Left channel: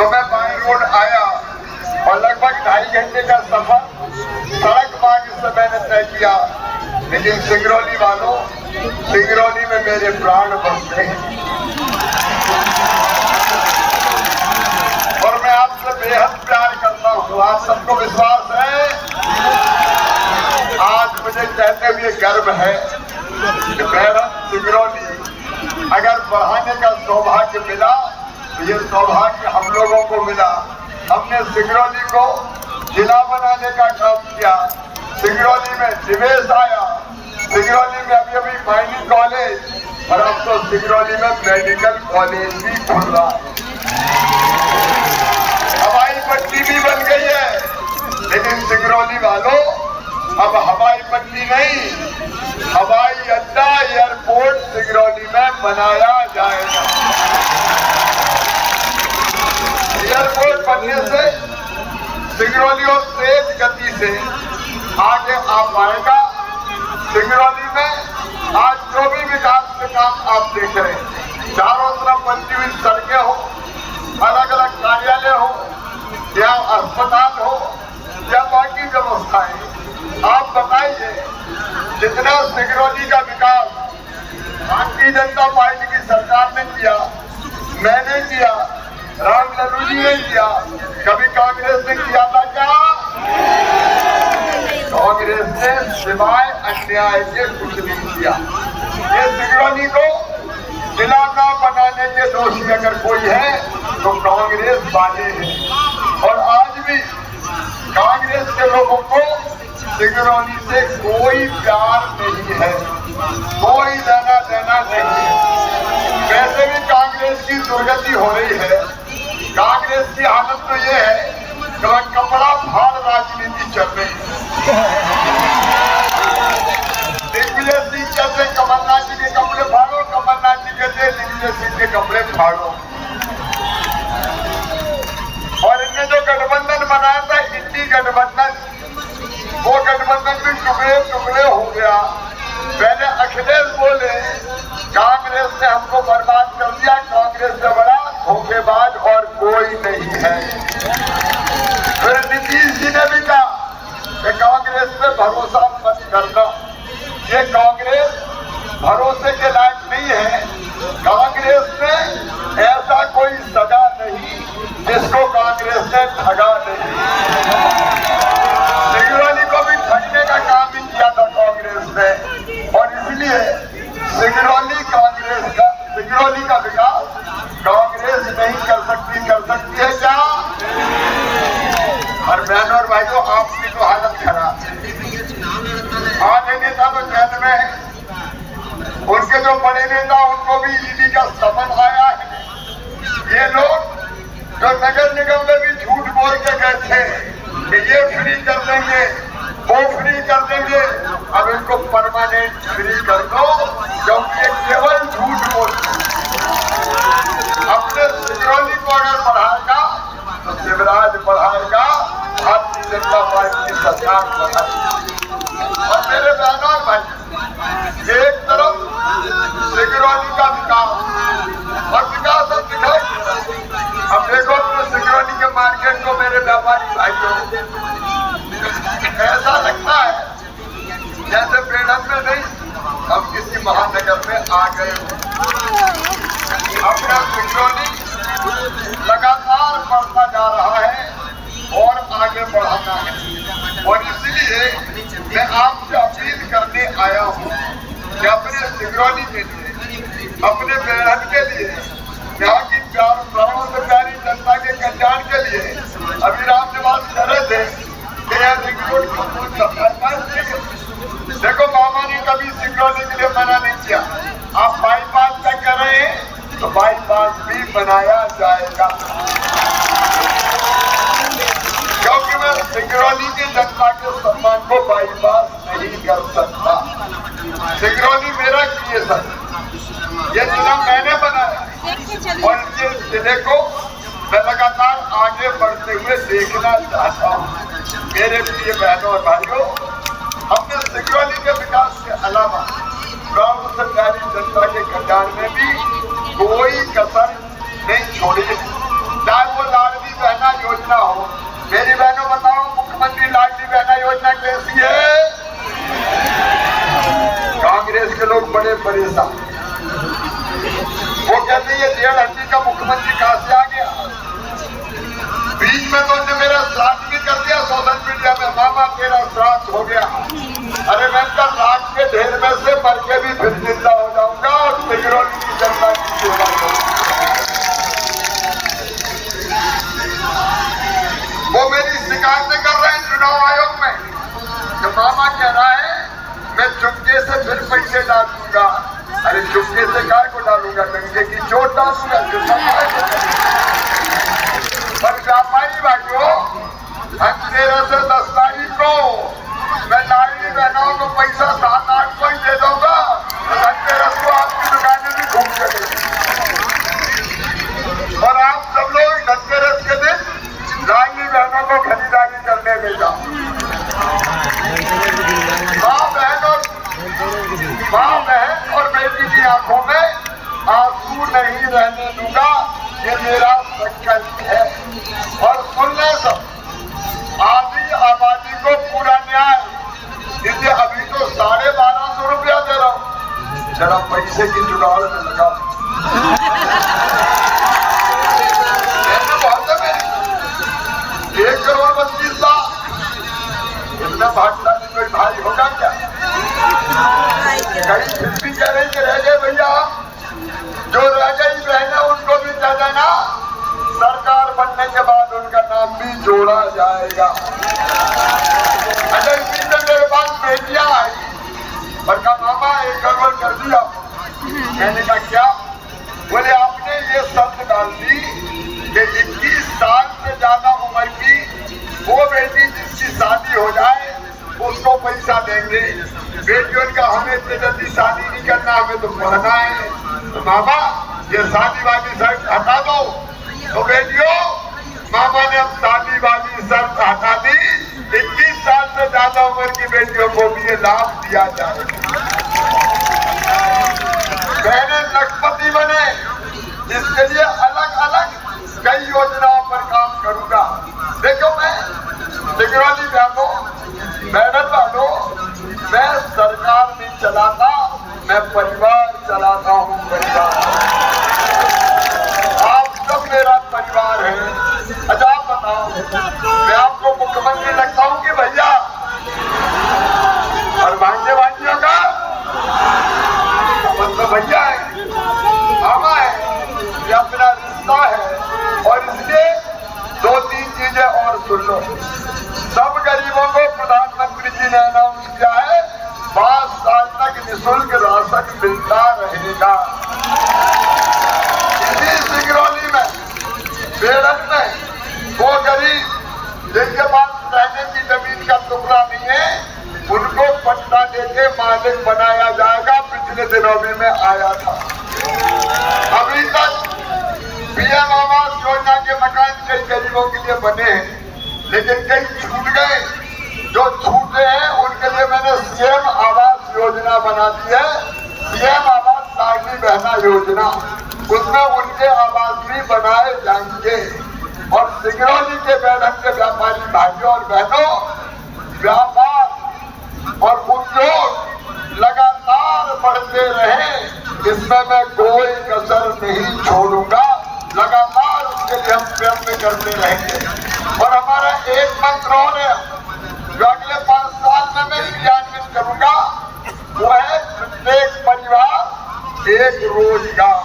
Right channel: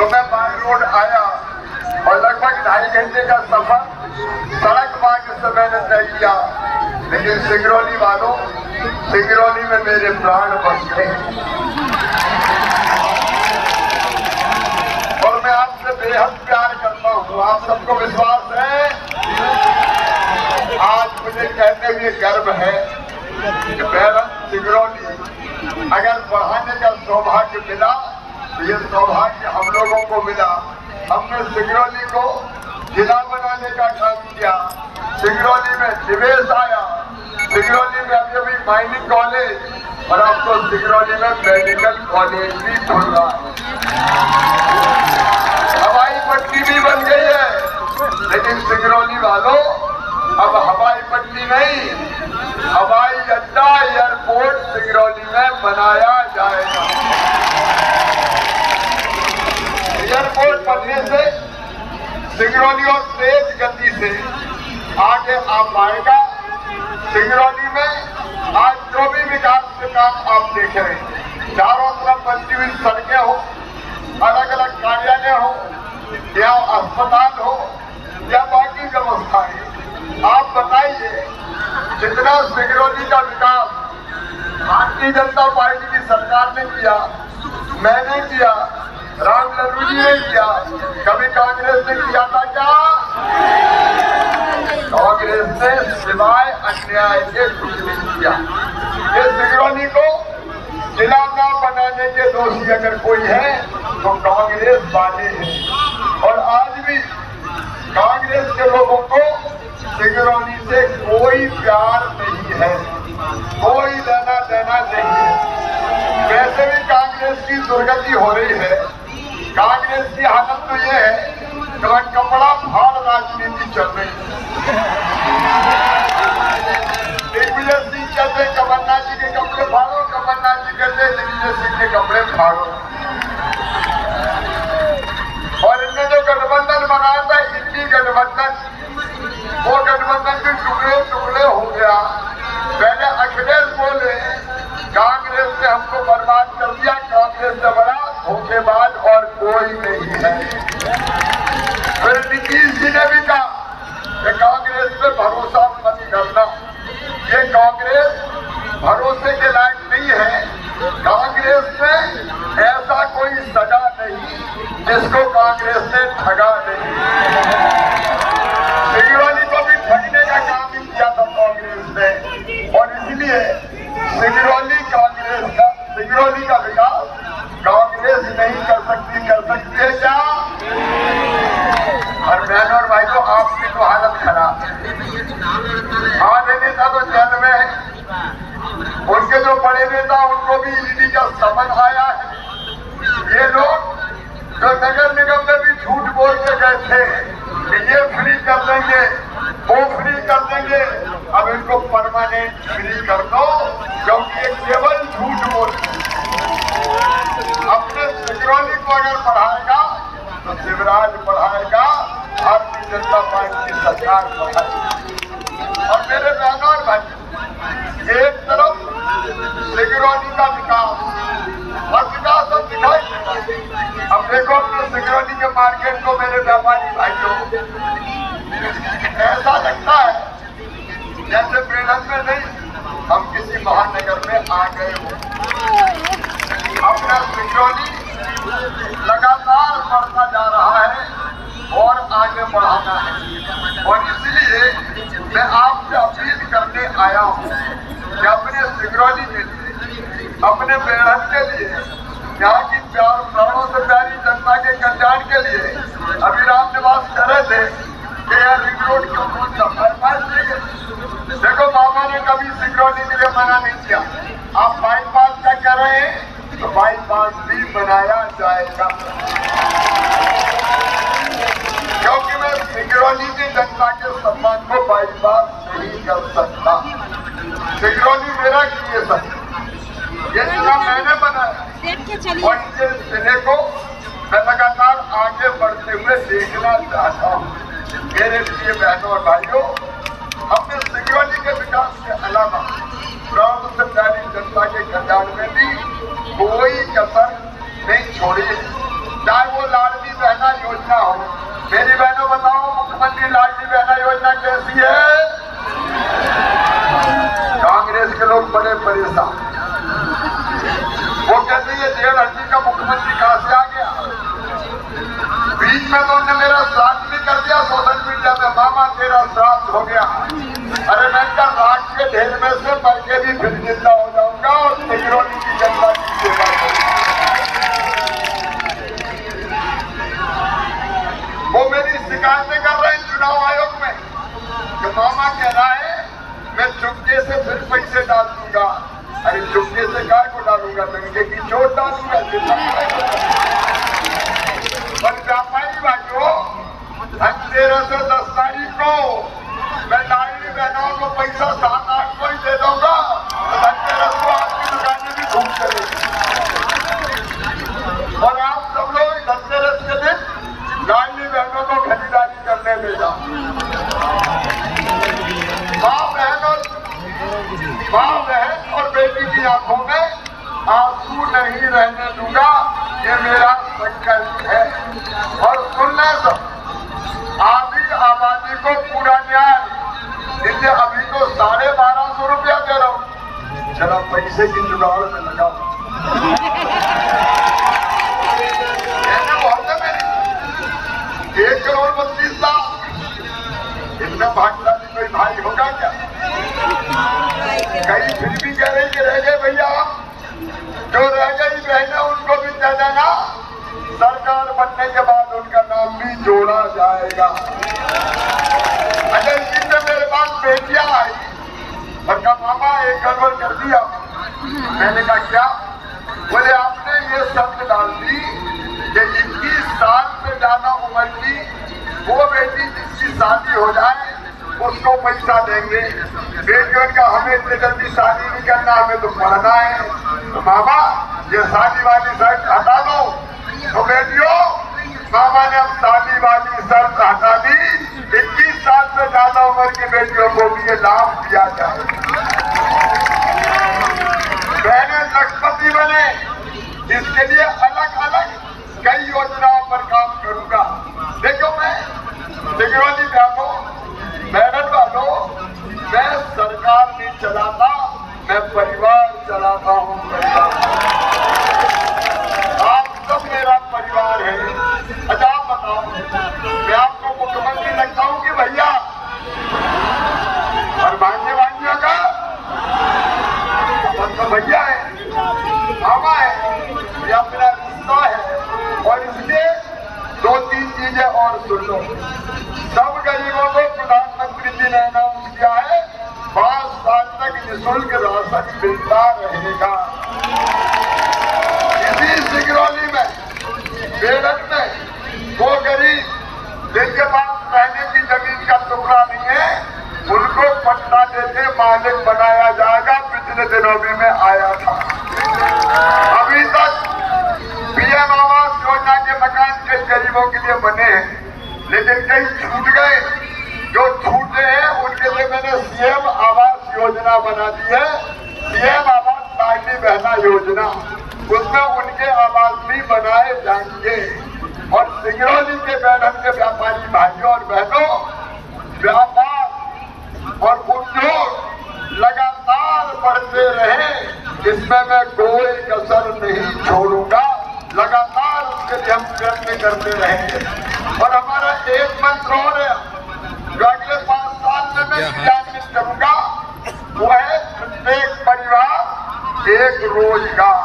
तो मैं by road आया और लगभग 2.5 घंटे का सफर सड़क मार्ग से मैंने तय किया। लेकिन सिंगरौली वालों, सिंगरौली में मेरे प्राण बसते हैं और मैं आपसे बेहद प्यार करता हूँ। आप सबको विश्वास है। आज मुझे कहते हुए गर्व है कि बैरम सिंगरौली अगर बढ़ाने का सौभाग्य मिला तो ये सौभाग्य हम लोगों को मिला। हमने सिंगरौली को जिला बनाने का काम किया। सिंगरौली में निवेश आया। सिंगरौली में अभी माइनिंग कॉलेज और अब तो सिंगरौली में मेडिकल कॉलेज भी खुल रहा है। हवाई पट्टी भी बन गई है। लेकिन सिंगरौली वालों, अब हवाई पट्टी नहीं, हवाई अड्डा एयरपोर्ट सिंगरौली में बनाया जाएगा। एयरपोर्ट बनने से सिंगरौली और तेज गति से आगे आ पाएगा। सिंगरौली में आज जो भी विकास के काम आप देख रहे हैं, चारों तरफ बनती हुई सड़कें हो, अलग अलग कार्यालय हो या अस्पताल हो या बाकी व्यवस्थाएं, आप बताइए जितना सिंगरौली का विकास भारतीय जनता पार्टी की सरकार ने किया, मैंने किया, राम लल्लू जी ने किया, कभी कांग्रेस ने किया था क्या? कांग्रेस ने सिवाय अन्याय के कुछ नहीं किया। ये सिंगरौली को जिला न बनाने के दोषी अगर कोई है तो कांग्रेस वाले हैं। और आज भी कांग्रेस के लोगों को सिंगरौली से कोई प्यार नहीं है, कोई लेना देना नहीं है। वैसे भी कांग्रेस की दुर्गति हो रही है। कांग्रेस की हालत तो ये है कि वह कपड़ा फाड़ राजनीति चल रही है। दिग्विजय सिंह कहते कमलनाथ जी के कपड़े फाड़ो, कमलनाथ जी कहते दिग्विजय सिंह के कपड़े फाड़ो। और इनने जो गठबंधन बनाया था, इंडी गठबंधन, वो गठबंधन भी टुकड़े टुकड़े हो गया। पहले अखिलेश बोले कांग्रेस ने हमको बर्बाद कर दिया, कांग्रेस से बड़ा धोखेबाज और कोई नहीं है। फिर नीतीश जी ने भी कहा कि कांग्रेस पे भरोसा मत करना, ये कांग्रेस भरोसे के लायक नहीं है। कांग्रेस ने ऐसा कोई सगा नहीं जिसको कांग्रेस ने ठगा नहीं। सिंगरौली को भी ठगने का काम ही किया था कांग्रेस ने। और इसलिए सिंगरौली का विकास कांग्रेस नहीं कर सकती है क्या? और बहनों और भाइयों, आपकी तो हालत खराब है। आधे नेता तो जेल में है, उनके जो बड़े नेता उनको भी ईडी का समन आया है। ये लोग जो नगर निगम में भी झूठ बोल के गए थे कि ये फ्री कर देंगे, वो फ्री कर देंगे, अब इनको परमानेंट फ्री कर दो, क्योंकि ये केवल झूठ बोल। अपने सिंगरौली को अगर बढ़ाएगा तो शिवराज बढ़ाएगा, भारतीय जनता पार्टी की सरकार बढ़ाएगी। और मेरे बहनों और भाई, एक तरफ सिंगरौली का विकास और विकास अब दिखाई दे रहा है। अब देखो अपने सिंगरौली के मार्केट को मेरे व्यापारी भाइयों, ऐसा लगता है जैसे बेड़न में नहीं, हम किसी महानगर में आ गए हो। अपना सिंगरौली लगातार बढ़ता जा रहा है और आगे बढ़ाना है। और इसलिए मैं आपसे अपील करने आया हूँ कि अपने सिंगरौली के लिए, अपने बेड़न के लिए, यहाँ की प्राणों से प्यारी जनता के कल्याण के लिए अभी राम निवास कह रहे थे कि यह रिंग रोड क्यों देखो, मामा ने कभी सिंगरौली के लिए मना नहीं किया। आप बाईपास का कर रहे हैं तो बाईपास भी बनाया जाएगा, क्योंकि मैं सिंगरौली की जनता के सम्मान को बाईपास नहीं कर सकता। सिंगरौली मेरा क्रिएशन, ये जिला मैंने बनाया और इस जिले को मैं लगातार आगे बढ़ते हुए देखना चाहता हूँ। मेरे प्रिय बहनों और भाइयों, हमने सिंगरौली के विकास के अलावा प्राणों से प्यारी जनता के कल्याण में भी कोई कसर नहीं छोड़ी है। चाहे वो लाड़ परेशान। वो कहते ये 1.5 हड्डी का मुख्यमंत्री कहां से आ गया। बीच में तो उन्होंने मेरा श्राद्ध भी कर दिया सोशल मीडिया में, मामा तेरा श्राद्ध हो गया। अरे मैं कल राख के ढेर में से मर के भी फिर जिंदा हो जाऊंगा और सिंगरौली की जनता की सेवा करूंगा। वो मेरी शिकायतें कर रहे हैं चुनाव आयोग में कि मामा कह रहा है मैं चुपके से फिर पैसे डाल दूंगा। अरे चुपके से काय को डालूंगा, डंके की चोट डालूंगा। पर व्यापारी भाइयों, धनतेरस से 10 तारीख को मैं लाडली बहनों को पैसा 7-8 को ही दे दूंगा तो धनतेरस को आपकी दुकानें भी घूम चलेगी। और आप सब लोग धनतेरस के दिन लाडली बहनों को खरीदारी करने में जाओ। माँ बहन और बेटी की आंखों में आंसू नहीं रहने दूंगा, ये मेरा संकल्प है। और सुन ले सब, आधी आबादी को पूरा न्याय दीजिए। अभी तो 1250 रुपया दे रहा हूं, जरा पैसे की जुगाड़ में लगाओ। बहुत है मेरी 1,32,00,000। इतना भागशाली कोई भाई होगा क्या? कहीं फिर भी कह रहे कि रह गए भैया, जो रह गई बहनें उनको भी कह देना सरकार बनने के बाद उनका नाम भी जोड़ा जाएगा। अच्छा इसी से मेरे पास बेटियां आई और कहा मामा एक गड़बड़ कर दिया। मैंने कहा क्या? बोले आपने ये शर्त डाल दी कि 21 साल से ज्यादा उम्र की वो बेटी जिसकी शादी हो जाए उसको पैसा देंगे। बेटियों का हमें इतनी जल्दी शादी नहीं करना, हमें तो पढ़ना है। तो मामा ये शादी वाली शर्त हटा दो। तो बेटियों, मामा ने अब शादी वाली शर्त हटा दी। 21 साल से ज्यादा उम्र की बेटियों को भी ये लाभ दिया जाए। बहनें लखपति बने, इसके लिए अलग अलग कई योजनाओं पर काम करूंगा। देखो मैं सिंगरौली मैडम वालों, मैं सरकार नहीं चलाता, मैं परिवार चलाता हूँ। परिवार, आप सब मेरा परिवार है। अच्छा आप बताओ, मैं आपको मुख्यमंत्री लगता हूँ कि भैया? और भांजे भांजियों का अपन तो भैया है, मामा है, ये अपना रिश्ता है। और इसलिए 2-3 चीजें और सुन लो। सब गरीबों को प्रधानमंत्री जी ने अनाउंस किया है 5 साल तक निःशुल्क राशन मिलता रहेगा। इसी सिंगरौली में, बेड़क में वो गरीब जिनके पास रहने की जमीन का टुकड़ा नहीं है, उनको पट्टा देके मालिक बनाया जाएगा। पिछले दिनों भी मैं आया था। अभी तक पीएम आवास योजना के मकान कई गरीबों के लिए बने हैं, लेकिन कई छूट गए। जो छूटे हैं उनके लिए मैंने सीएम आवास योजना बना दी है। सीएम आवास लाडली बहना योजना, उसमें उनके आवास भी बनाए जाएंगे। और सिंगरौली के बेड़क के व्यापारी भाइयों और बहनों, व्यापार और उद्योग लगातार बढ़ते रहे, इसमें मैं कोई कसर नहीं छोड़ूंगा। लगातार उसके लिए हम प्रयत्न करते रहेंगे। और हमारा एक मंत्र और है जो अगले 5 साल में मैं क्रियान्वित करूंगा, वो है प्रत्येक परिवार एक रोजगार।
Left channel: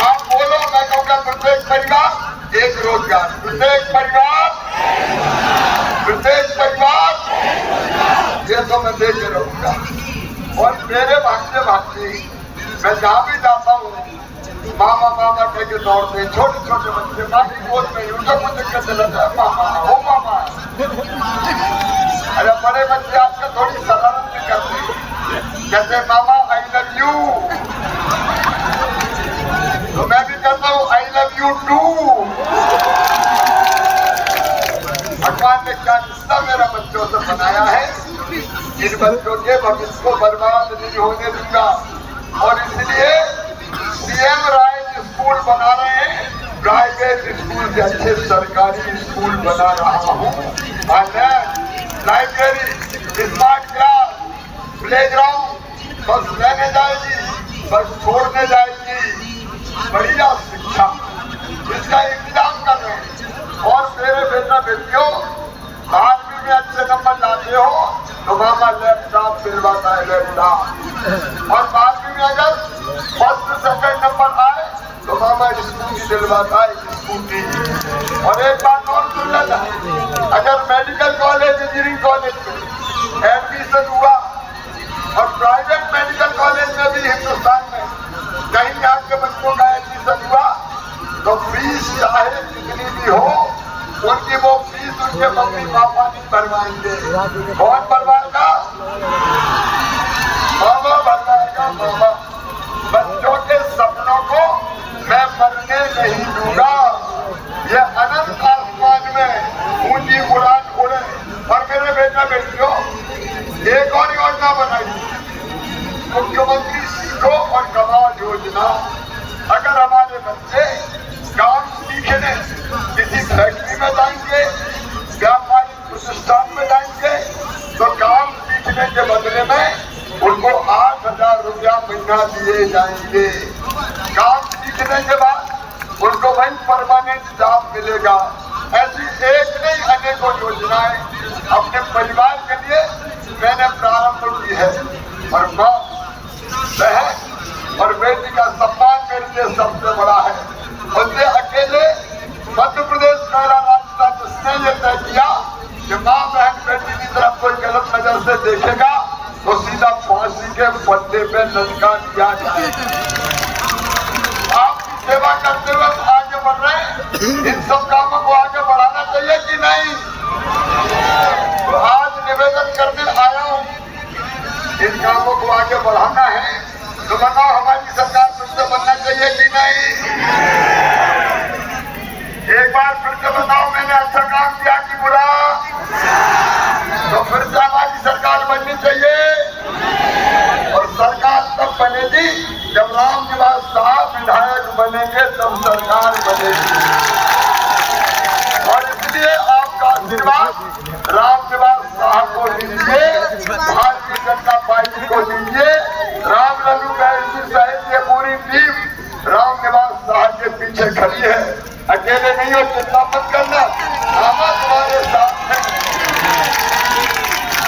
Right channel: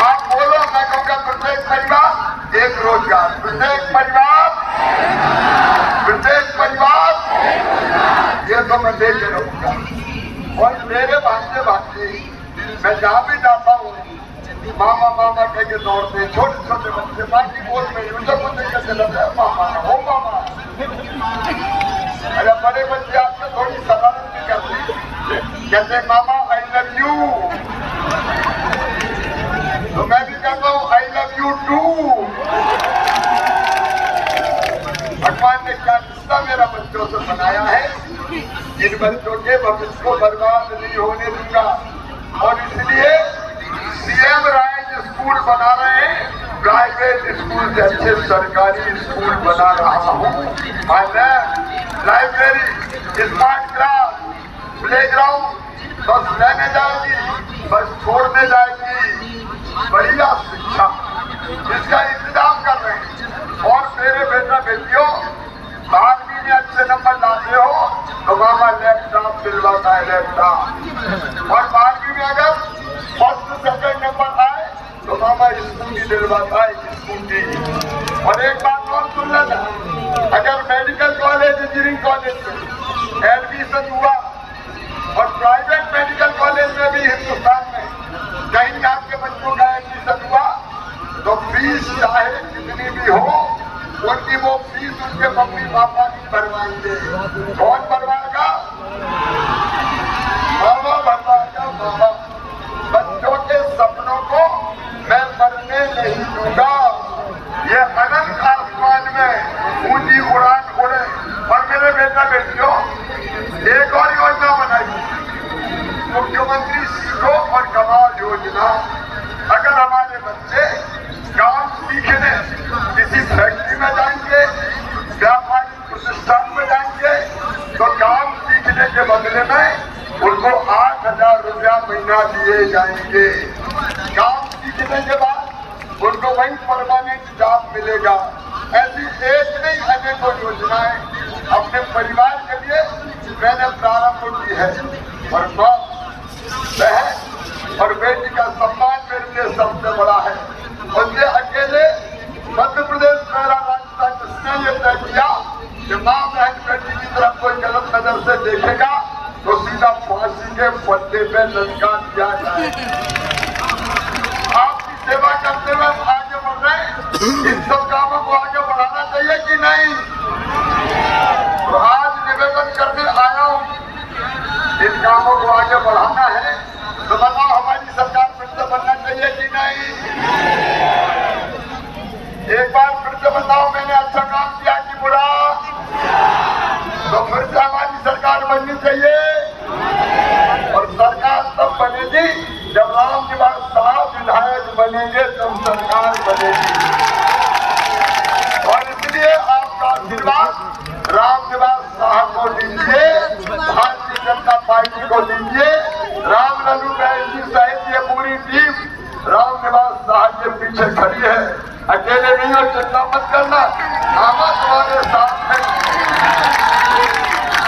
आप बोलो, मैं कहूँगा प्रत्येक परिवार एक रोजगार। प्रत्येक परिवार ये तो मैं देख रहूंगा। और मेरे भांजे भांजी, मैं जहाँ भी जाता हूँ मामा मामा कह के दौड़ते, छोटे छोटे बच्चे माँ की गोद में उनको कुछ दिक्कत चलता है, मामा हो मामा। अरे बड़े बच्चे आजकल थोड़ी शरारत भी करते, कहते मामा आई लव यू। तो मैं भी कहता हूँ आई लव यू टू। भगवान ने क्या रिश्ता मेरा बच्चों से बनाया है, इन बच्चों के भविष्य को बर्बाद नहीं होने दूंगा। और इसलिए सीएम राइज स्कूल बना रहे हैं, प्राइवेट स्कूल से अच्छे सरकारी स्कूल बना रहा हूँ। लाइब्रेरी, स्मार्ट क्लास, प्लेग्राउंड बस लेने जाएगी, बस छोड़ने जाएगी, बढ़िया शिक्षा इसका इंतजाम कर रहे हैं। और मेरे बेटा बेटियों 12वीं में अच्छे नंबर लाते हो तो मामा लैपटॉप दिलवाता है, लैपटॉप। और 12वीं में अगर फर्स्ट सेकंड नंबर आए तो मामा स्कूटी दिलवाता है, स्कूटी। और एक बात और सुन लेना, अगर मेडिकल कॉलेज इंजीनियरिंग कॉलेज में एडमिशन हुआ और प्राइवेट मेडिकल कॉलेज में भी हिंदुस्तान में कहीं आपके बच्चों का एडमिशन हुआ तो फीस चाहे जितनी भी हो उनकी वो फीस उनके मम्मी पापा नहीं भरवाएंगे। कौन भरवाएगा? मामा भरवाएगा, मामा। बच्चों के सपनों को मैं मरने नहीं दूंगा, ये अनंत आसमान में ऊंची उड़ान उड़े। और मेरे बेटा बेटियों एक और योजना बनाई, मुख्यमंत्री सीखो और कमाओ योजना। अगर हमारे बच्चे काम सीखने किसी फैक्ट्री में जाएंगे, व्यापारिक प्रतिष्ठान में जाएंगे तो काम सीखने के बदले में उनको 8,000 रुपया महीना दिए जाएंगे। काम सीखने के बाद उनको वही परमानेंट जॉब मिलेगा। ऐसी एक नहीं अनेकों योजनाएं अपने परिवार के लिए मैंने प्रारंभ की है। और माँ, बहन और बेटी का सम्मान मेरे लिए सबसे बड़ा है। उससे अकेले मध्य प्रदेश पहला राज्य था जिसने ये तय किया कि माँ बहन बेटी की तरफ कोई गलत नजर से देखेगा तो सीधा फांसी के पट्टे पे लटका दिया जाए। आपकी सेवा करते हुए हम आगे बढ़ रहे हैं, इन सब कामों को आगे बढ़ाना चाहिए कि नहीं? तो आज निवेदन करने आया हूँ, इन कामों को आगे बढ़ाना है तो बताओ हमारी सरकार फिर से बनना चाहिए कि नहीं? एक बार फिर से बताओ मैंने अच्छा काम किया कि बुरा? तो फिर से हमारी सरकार बननी चाहिए। और सरकार तब बनेगी जब रामनिवास साहब विधायक बनेंगे, तब सरकार बनेगी। और इसलिए आपका आशीर्वाद रामनिवास साहब को दीजिए, भारतीय जनता पार्टी को दीजिए। राम लल्लू जी सहित ये पूरी टीम रामनिवास साहब के पीछे खड़ी है। अकेले नहीं हो, चिंता मत करना, मामा तुम्हारे साथ है।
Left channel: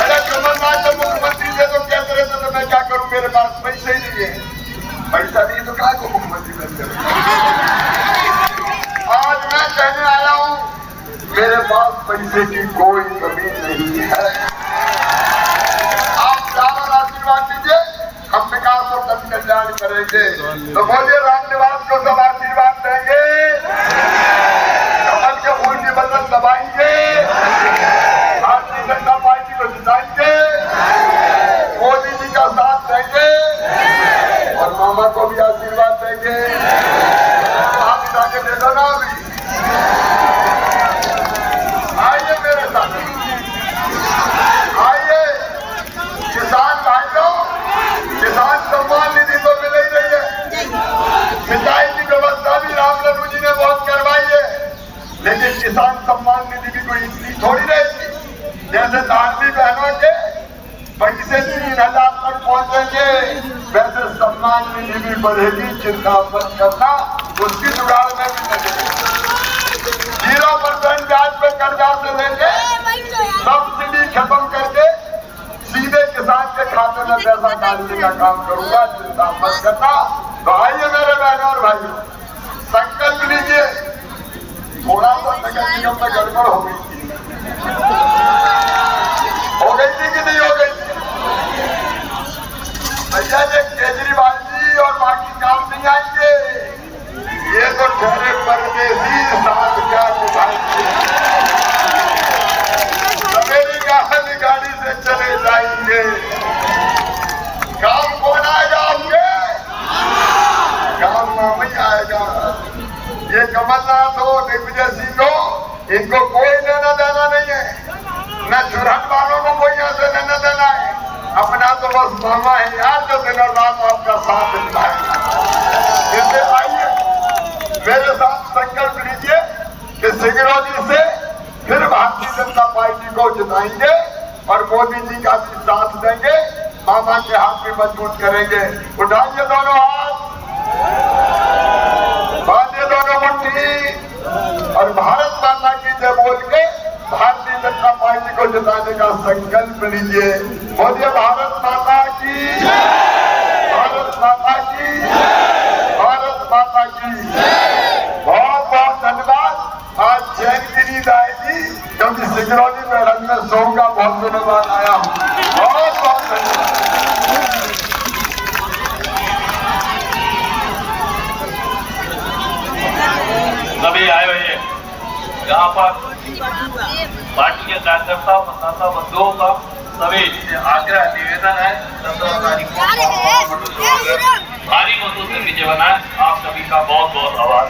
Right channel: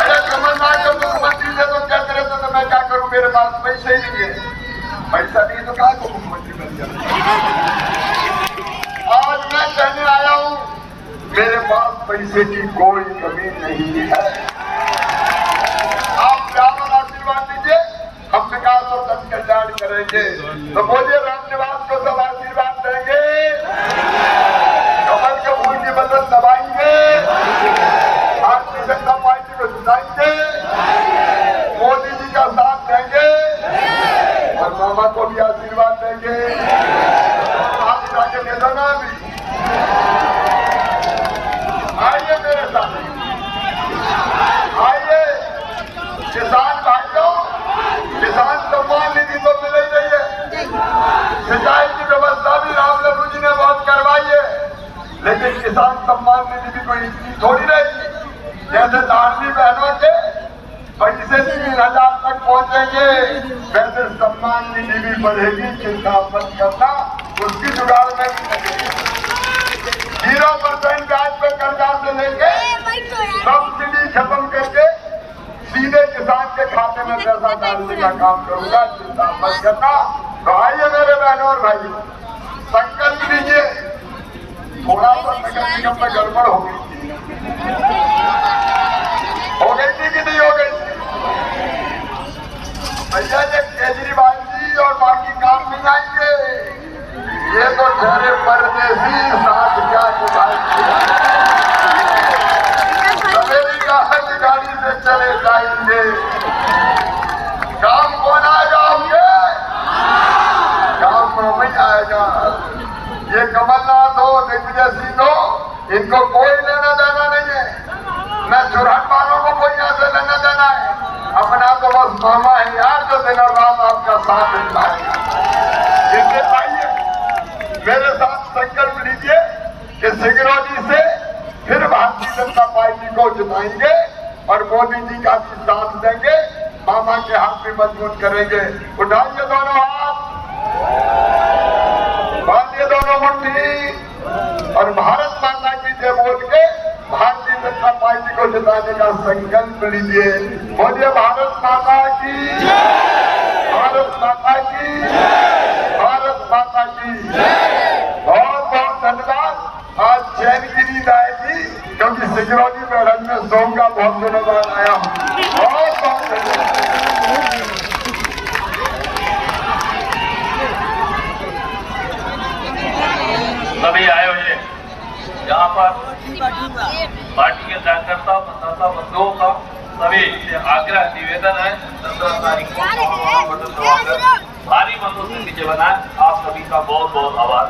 अरे कमलनाथ जब मुख्यमंत्री थे तो कहते रहते तो मैं क्या करूं, मेरे पास पैसे ही नहीं है। पैसा नहीं तो क्या को मुख्यमंत्री बनते। आज मैं कहने आया हूं मेरे पास पैसे की कोई कमी नहीं है। आप प्यार और आशीर्वाद दीजिए, हम विकास और जन कल्याण करेंगे। तो बोलिए रामनिवास को सब आशीर्वाद देंगे, कमल के फूल की बदल दबाएंगे, भारतीय जनता पार्टी को जिताएंगे, मोदी जी का साथ देंगे और मामा को भी आशीर्वाद देंगे। हाथ उठा के दे दो ना अभी। आइए मेरे साथ, आइए किसान भाइयों, किसान सम्मान निधि तो मिल ही रही है। सिंचाई की व्यवस्था भी राम लल्लू जी ने बहुत करवाई है, लेकिन किसान सम्मान निधि भी कोई इतनी थोड़ी रहेगी। जैसे लाडली बहनों के पैसे 3,000 तक पहुंचेंगे, वैसे सम्मान निधि भी बढ़ेगी। चिंता मत करना, उसकी जुगाड़ में भी लगेगी। 0% ब्याज पे कर्जा से लेके सब्सिडी खत्म करके सीधे किसान के खाते में पैसा डालने का काम करूंगा। चिंता मत करना। तो आइए मेरे बहनों और भाइयों, संकल्प लीजिए। थोड़ा सा नगर निगम में गड़बड़ हो गई थी कि नहीं हो गई थी? भैया ये केजरीवाल जी और बाकी काम नहीं आएंगे, ये तो ठहरे परदेसी साथ क्या निभाएंगे। सवेरी गाड़ी से चले जाएंगे। काम कौन आएगा आपके? काम मामा ही आएगा। ये कमलनाथ हो, दिग्विजय सिंह हो, इनको कोई लेना देना नहीं है। न चुरहट वालों को कोई यहाँ से लेना देना है। अपना तो बस मामा है यार, जो दिन और रात आपका साथ निभाएगा। इसलिए आइए मेरे साथ संकल्प लीजिए कि सिंगरौली से फिर भारतीय जनता पार्टी को जिताएंगे और मोदी जी का भी साथ देंगे। मामा के हाथ भी मजबूत करेंगे। उठाइए दोनों हाथ, बांधिए दोनों मुट्ठी और भारत माता की जय बोल के भारतीय जनता पार्टी को जिताने का संकल्प लीजिए। बोलिए भारत माता की, भारत माता की, भारत माता की। बहुत बहुत धन्यवाद। आज चैन की नींद आएगी क्योंकि सिंगरौली मैडम में सोऊंगा, बहुत दिनों बाद आया हूँ। बहुत बहुत धन्यवाद। सभी आए हुए हैं यहाँ पर पार्टी के कार्यकर्ता मतदाता बंधुओं का सभी से आग्रह निवेदन है 17 तारीख को भारी मतों से विजय बनाए। आप सभी का बहुत बहुत आभार।